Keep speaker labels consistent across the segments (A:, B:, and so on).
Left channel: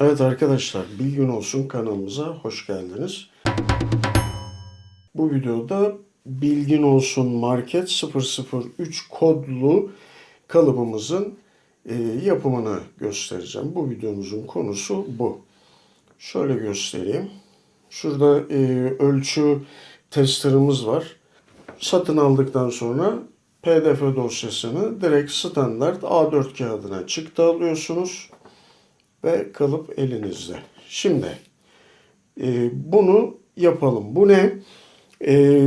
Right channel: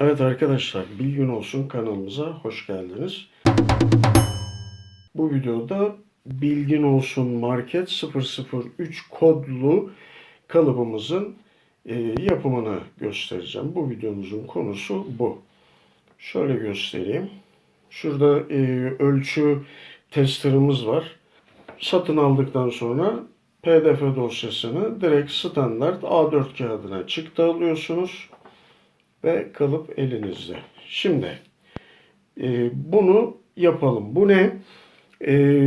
A: Evet arkadaşlar, Bilgin Olsun kanalımıza hoş geldiniz. Bu videoda Bilgin Olsun Market 003 kodlu kalıbımızın e, yapımını göstereceğim. Bu videomuzun konusu bu. Şöyle göstereyim. Şurada e, ölçü testerımız var. Satın aldıktan sonra PDF dosyasını direkt standart A4 kağıdına çıktı alıyorsunuz ve kalıp elinizde. Şimdi e, bunu yapalım. Bu ne? E,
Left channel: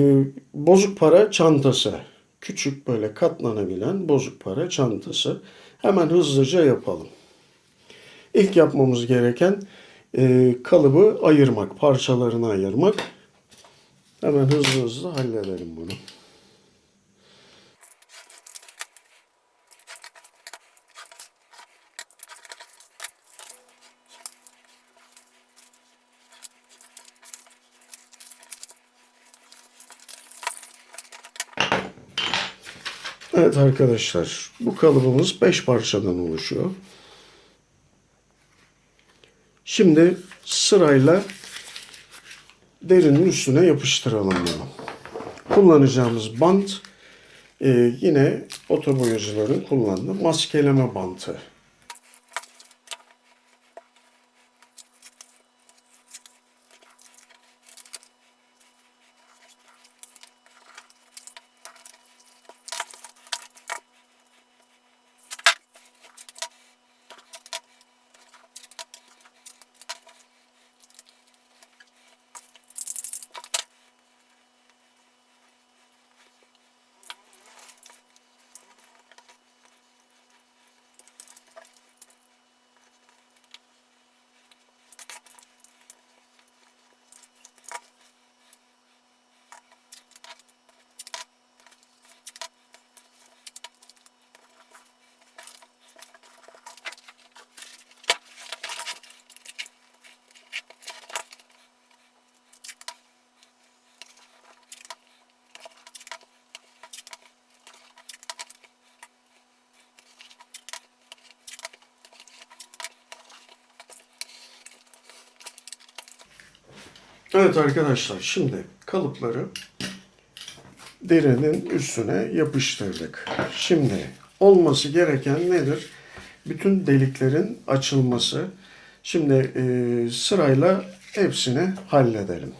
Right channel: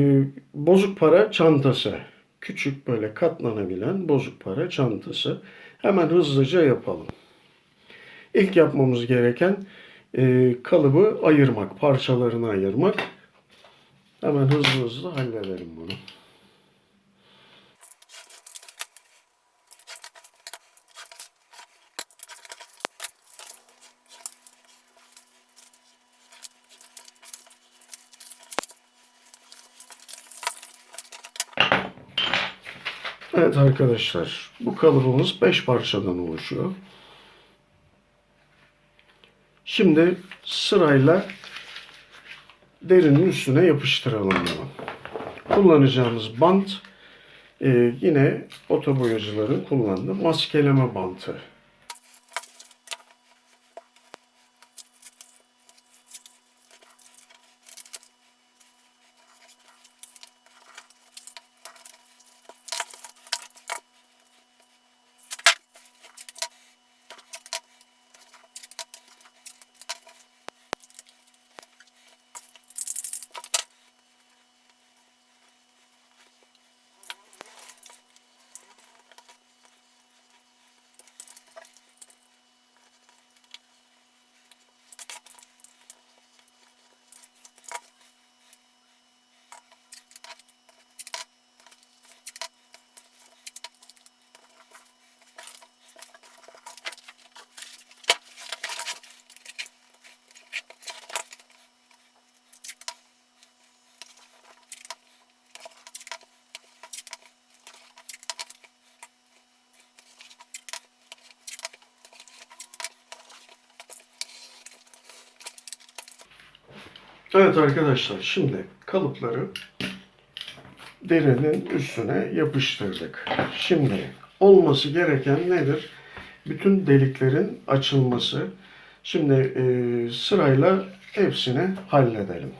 A: bozuk para çantası. Küçük böyle katlanabilen bozuk para çantası. Hemen hızlıca yapalım. İlk yapmamız gereken e, kalıbı ayırmak, parçalarını ayırmak. Hemen hızlı hızlı halledelim bunu. Evet arkadaşlar, bu kalıbımız 5 parçadan oluşuyor. Şimdi sırayla derinin üstüne yapıştıralım bunu. Kullanacağımız bant e, yine otoboyacıların kullandığı maskeleme bantı. Evet arkadaşlar şimdi kalıpları derinin üstüne yapıştırdık. Şimdi olması gereken nedir? Bütün deliklerin açılması. Şimdi e, sırayla hepsini halledelim.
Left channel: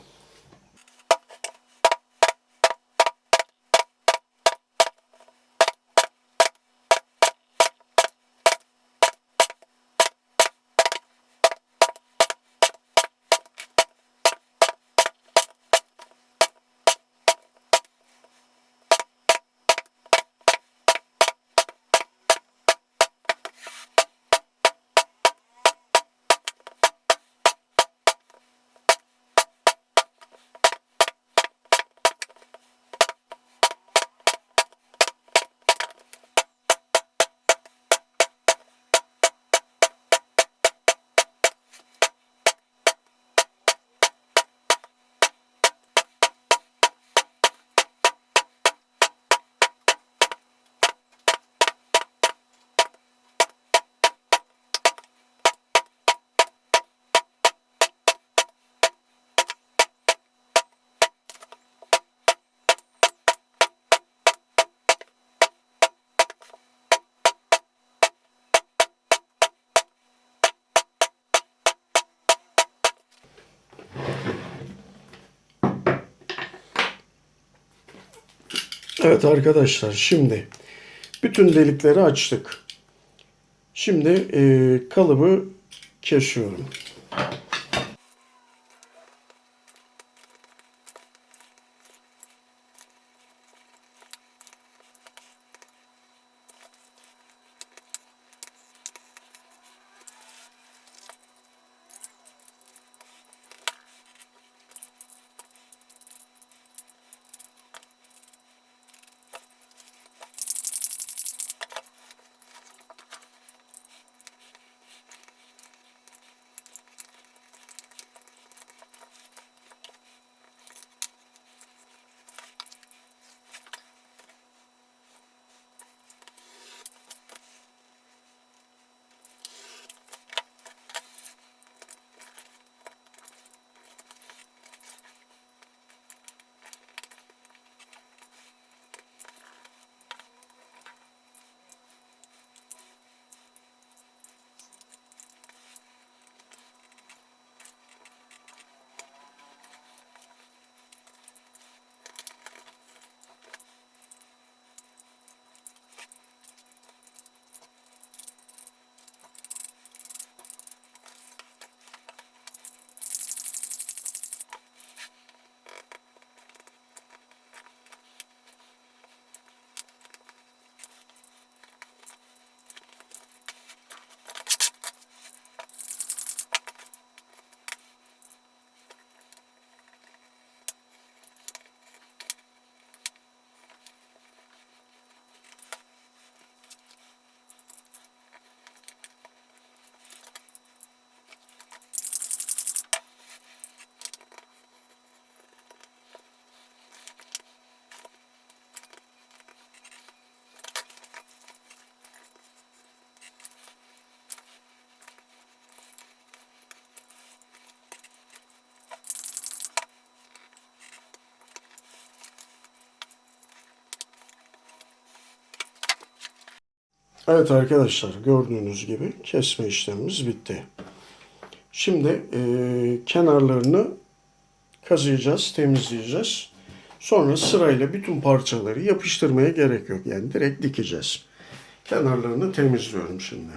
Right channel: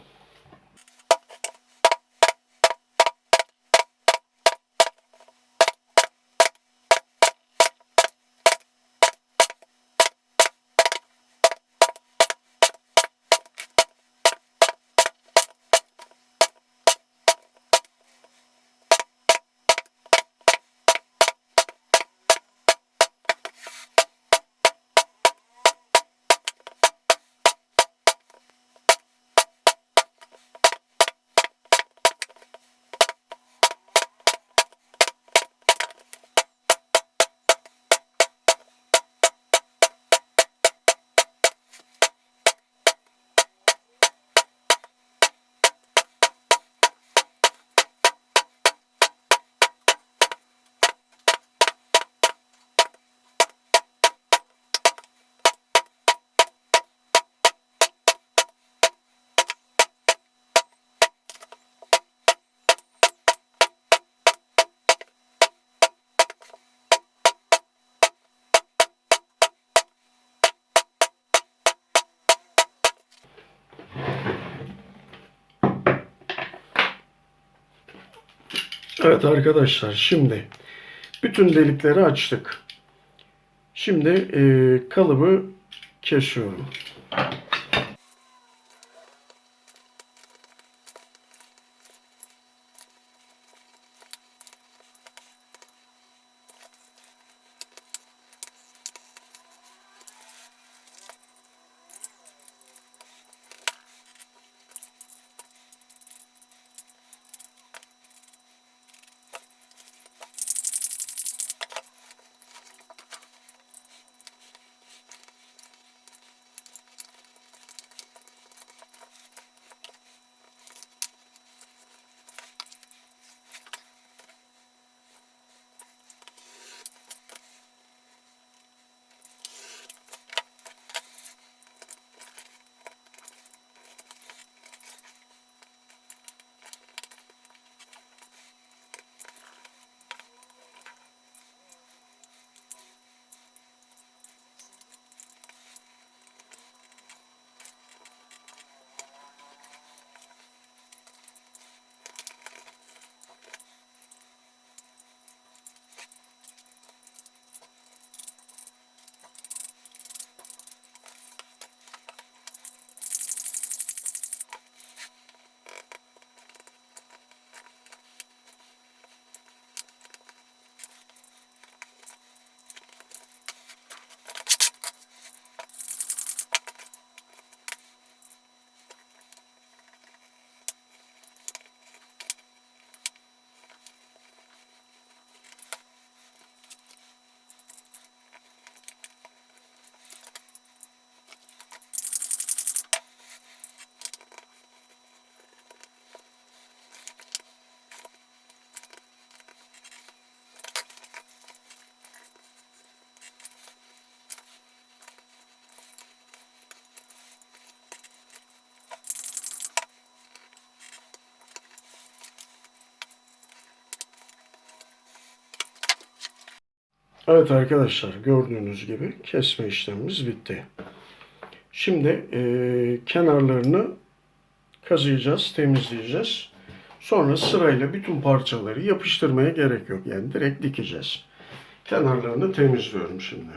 A: Evet arkadaşlar şimdi bütün delikleri açtık. Şimdi e, kalıbı kesiyorum. Evet arkadaşlar gördüğünüz gibi kesme işlemimiz bitti. Şimdi eee, kenarlarını kazıyacağız, temizleyeceğiz. Sonra sırayla bütün parçaları yapıştırmaya gerek yok. Yani direkt dikeceğiz. Kenarlarını temizliyorum şimdi.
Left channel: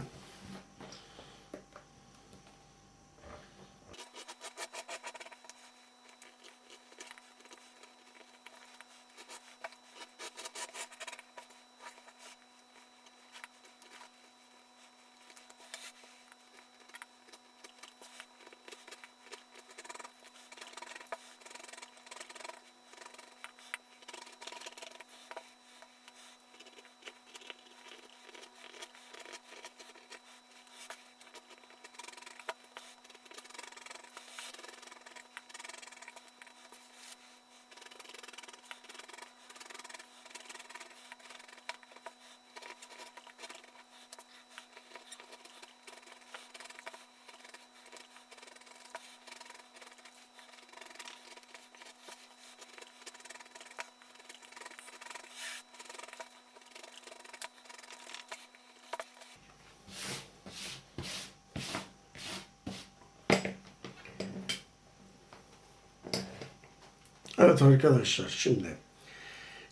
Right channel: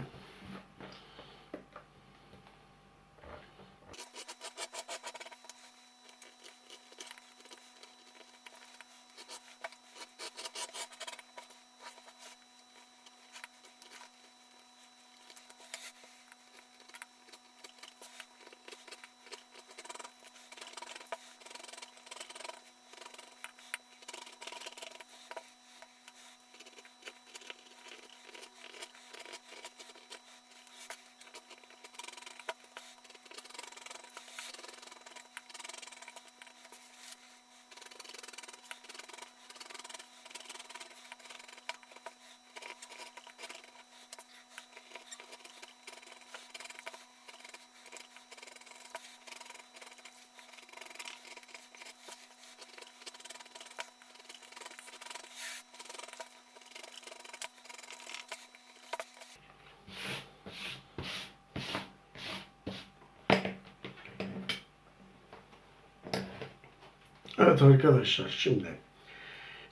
A: Evet arkadaşlar şimdi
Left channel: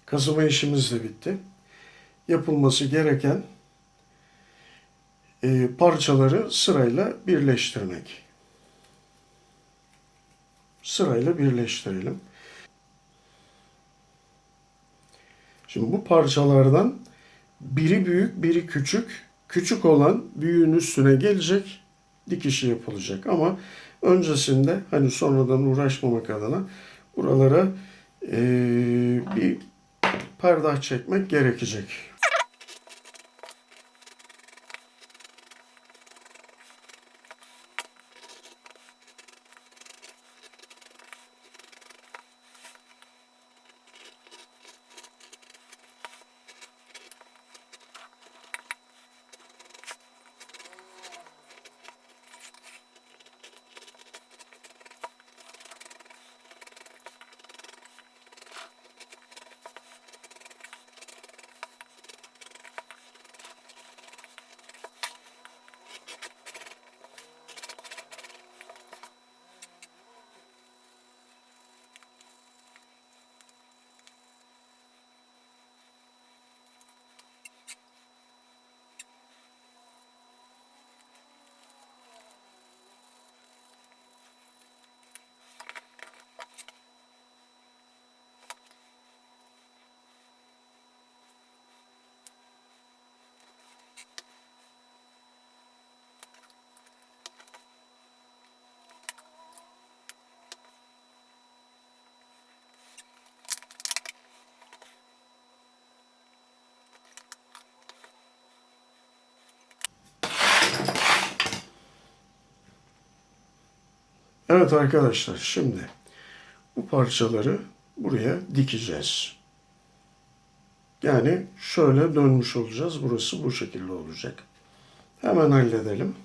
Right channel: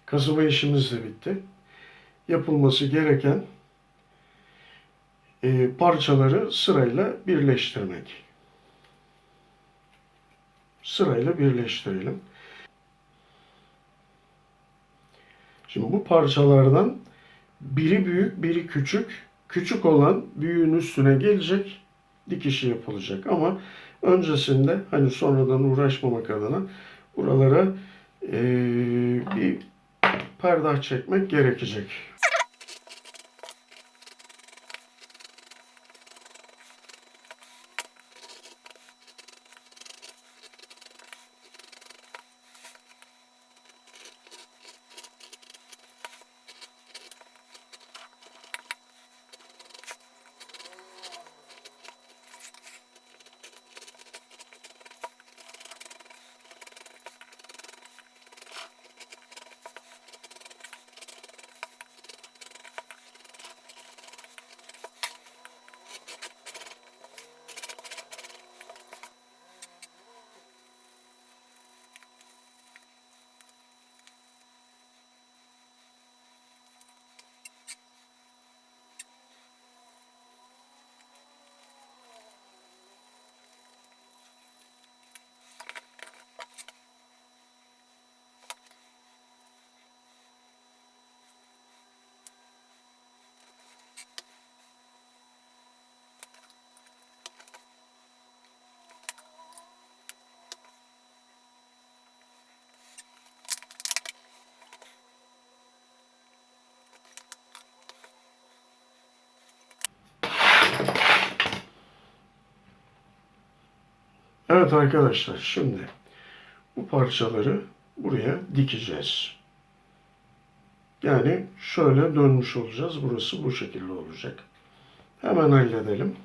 A: kazıma işimiz de bitti. Yapılması gereken e, parçaları sırayla birleştirmek. Sırayla birleştirelim. Şimdi bu parçalardan biri büyük, biri küçük. Küçük olan büyüğün üstüne gelecek, dikişi yapılacak. Ama öncesinde hani sonradan uğraşmamak adına buralara eee, bir perdah çekmek gerekecek. Evet arkadaşlar şimdi bu parçaları buraya dikeceğiz. Yani şöyle dönmüş olacağız. Burası bu şekilde olacak. Hemen halledelim.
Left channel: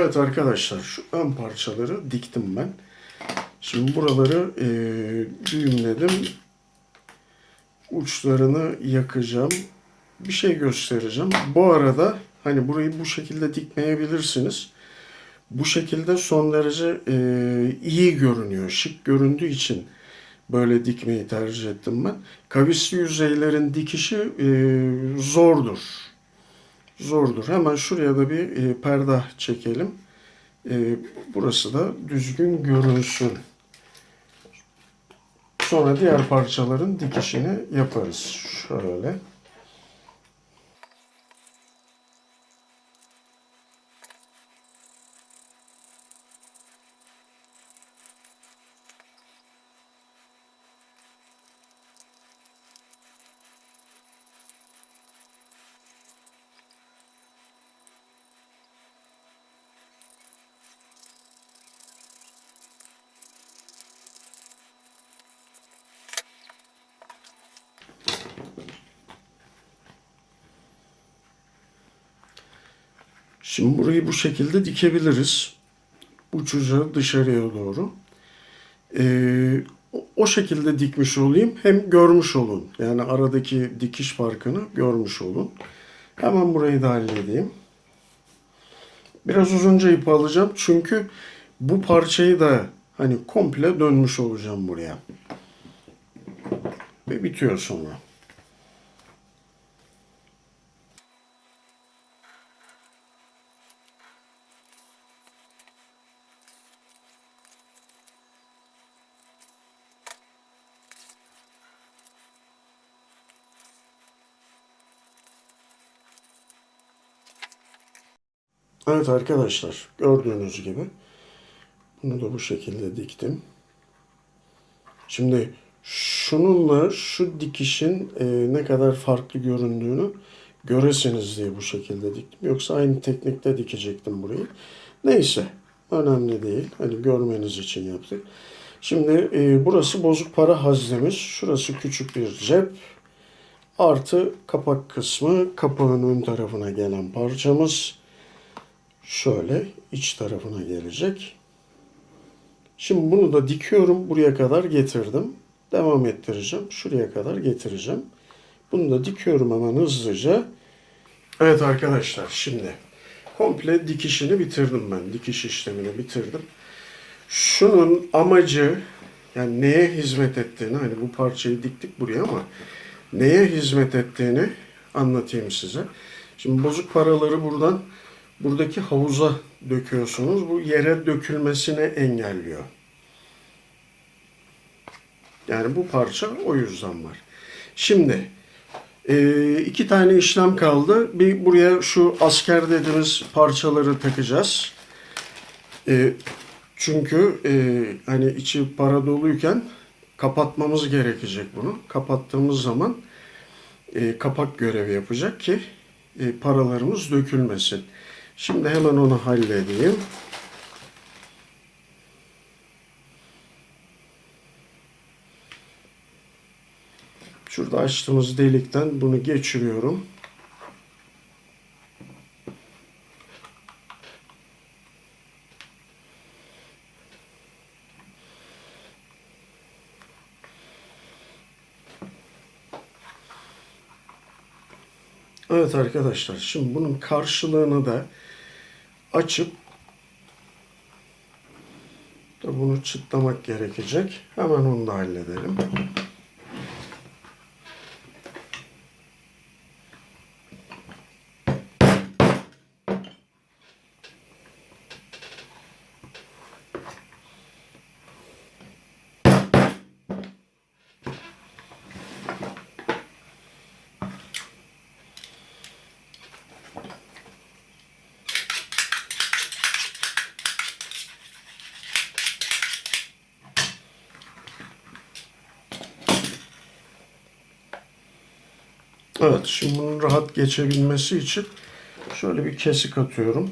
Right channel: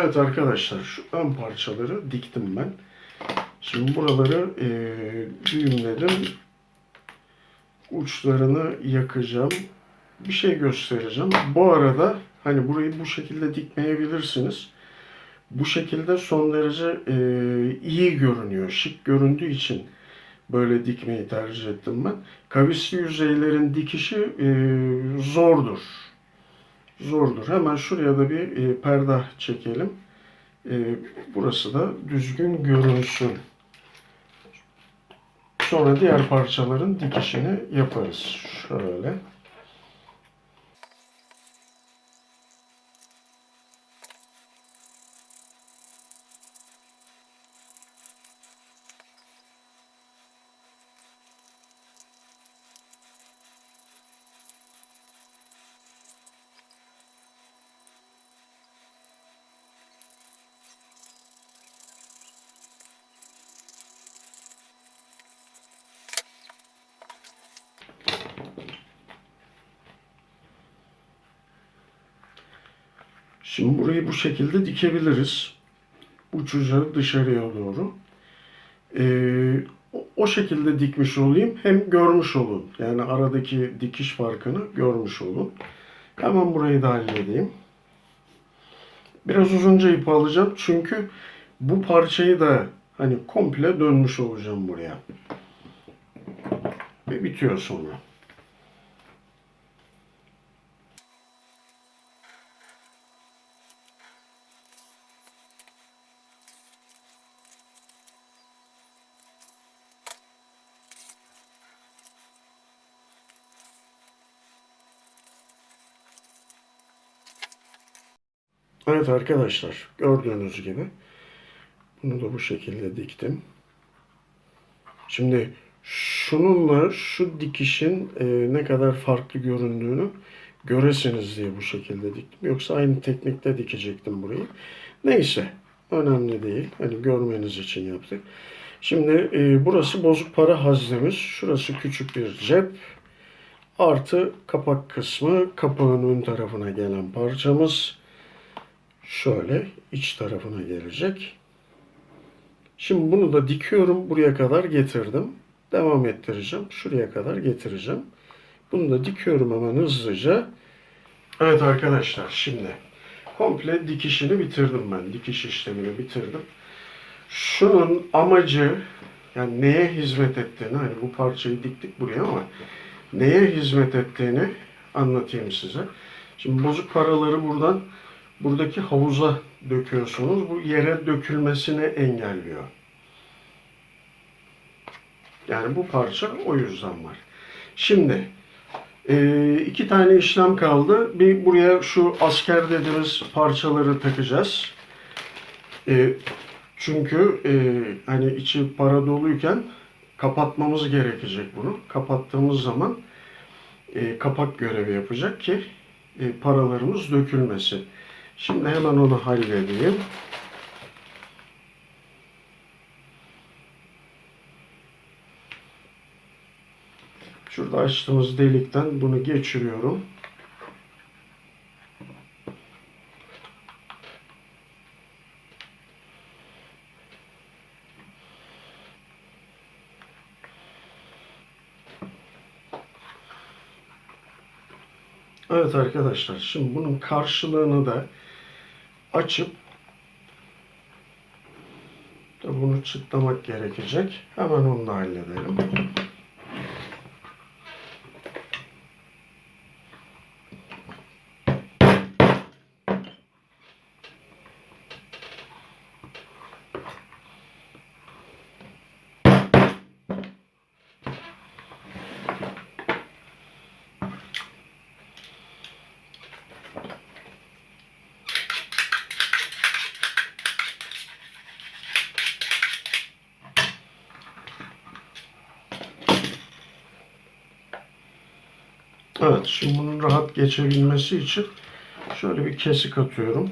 A: Evet arkadaşlar şu ön parçaları diktim ben. Şimdi buraları e, düğümledim. Uçlarını yakacağım. Bir şey göstereceğim. Bu arada hani burayı bu şekilde dikmeyebilirsiniz. Bu şekilde son derece e, iyi görünüyor. Şık göründüğü için böyle dikmeyi tercih ettim ben. Kavisli yüzeylerin dikişi e, zordur. Zordur. Hemen şuraya da bir e, perde çekelim. E, burası da düzgün görünsün. Sonra diğer parçaların dikişini yaparız. Şöyle. Şimdi burayı bu şekilde dikebiliriz. Uçucu dışarıya doğru. Ee, o- şekilde dikmiş olayım. Hem görmüş olun. Yani aradaki dikiş farkını görmüş olun. Hemen burayı da halledeyim. Biraz uzunca ip alacağım. Çünkü bu parçayı da hani komple dönmüş olacağım buraya. Ve bitiyor sonra. Evet arkadaşlar gördüğünüz gibi bunu da bu şekilde diktim. Şimdi şununla şu dikişin e, ne kadar farklı göründüğünü göresiniz diye bu şekilde diktim. Yoksa aynı teknikte dikecektim burayı. Neyse önemli değil. Hani görmeniz için yaptık. Şimdi e, burası bozuk para haznemiz. Şurası küçük bir cep. Artı kapak kısmı kapağın ön tarafına gelen parçamız şöyle iç tarafına gelecek. Şimdi bunu da dikiyorum. Buraya kadar getirdim. Devam ettireceğim. Şuraya kadar getireceğim. Bunu da dikiyorum hemen hızlıca. Evet arkadaşlar şimdi komple dikişini bitirdim ben. Dikiş işlemini bitirdim. Şunun amacı yani neye hizmet ettiğini hani bu parçayı diktik buraya ama neye hizmet ettiğini anlatayım size. Şimdi bozuk paraları buradan buradaki havuza döküyorsunuz. Bu yere dökülmesini engelliyor. Yani bu parça o yüzden var. Şimdi e, iki tane işlem kaldı. Bir buraya şu asker dediğimiz parçaları takacağız. E, çünkü e, hani içi para doluyken kapatmamız gerekecek bunu. Kapattığımız zaman kapak görevi yapacak ki paralarımız dökülmesin. Şimdi hemen onu halledeyim. Şurada açtığımız delikten bunu geçiriyorum. Evet arkadaşlar şimdi bunun karşılığını da açıp bunu çıtlamak gerekecek. Hemen onu da halledelim. Evet, şimdi bunun rahat geçebilmesi için şöyle bir kesik atıyorum.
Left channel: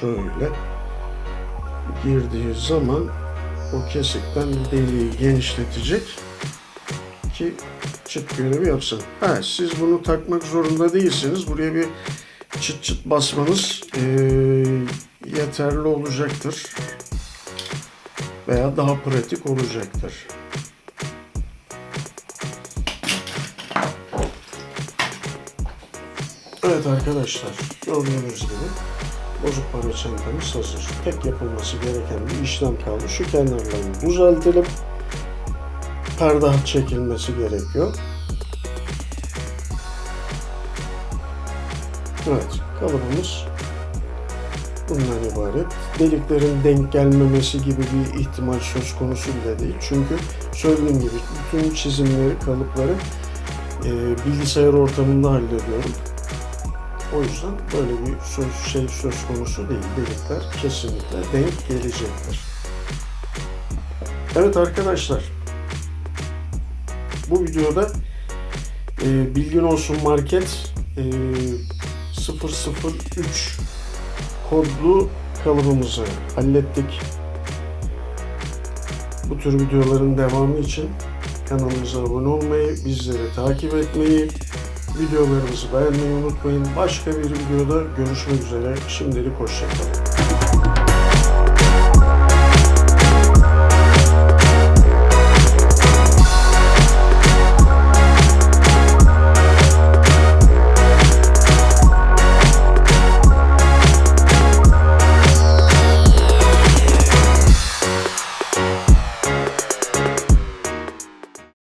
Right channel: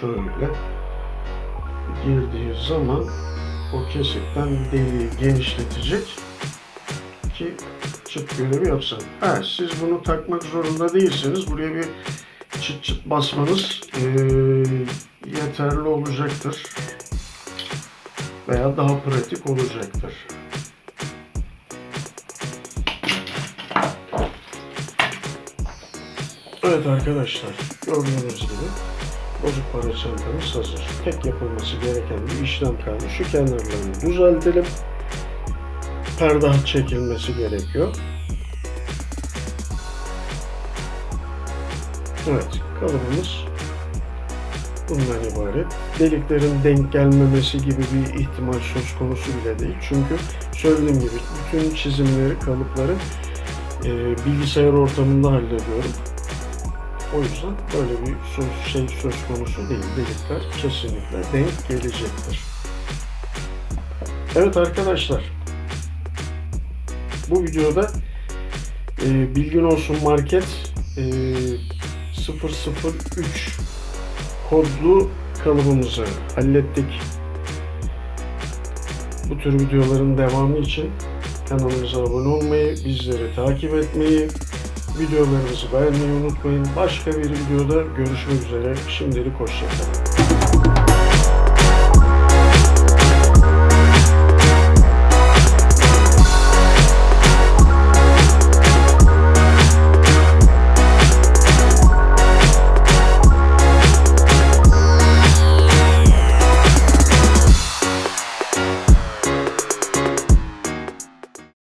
A: Şöyle girdiği zaman o kesikten deliği genişletecek ki çıt görevi yapsın. Ha, siz bunu takmak zorunda değilsiniz. Buraya bir çıt çıt basmanız eee, yeterli olacaktır. Veya daha pratik olacaktır. Evet arkadaşlar gördüğünüz gibi bozuk para çantamız hazır. Tek yapılması gereken bir işlem kaldı. Şu kenarlarını düzeltelim. Perdah çekilmesi gerekiyor. Evet kalıbımız bundan ibaret. Deliklerin denk gelmemesi gibi bir ihtimal söz konusu bile değil. Çünkü söylediğim gibi bütün çizimleri, kalıpları e, bilgisayar ortamında hallediyorum. O yüzden böyle bir söz, şey söz konusu değil. Delikler kesinlikle denk gelecektir. Evet arkadaşlar. Bu videoda e, Bilgin Olsun Market e, 003 kodlu kalıbımızı hallettik. Bu tür videoların devamı için kanalımıza abone olmayı, bizleri takip etmeyi, videolarımızı beğenmeyi unutmayın. Başka bir videoda görüşmek üzere. Şimdilik hoşçakalın.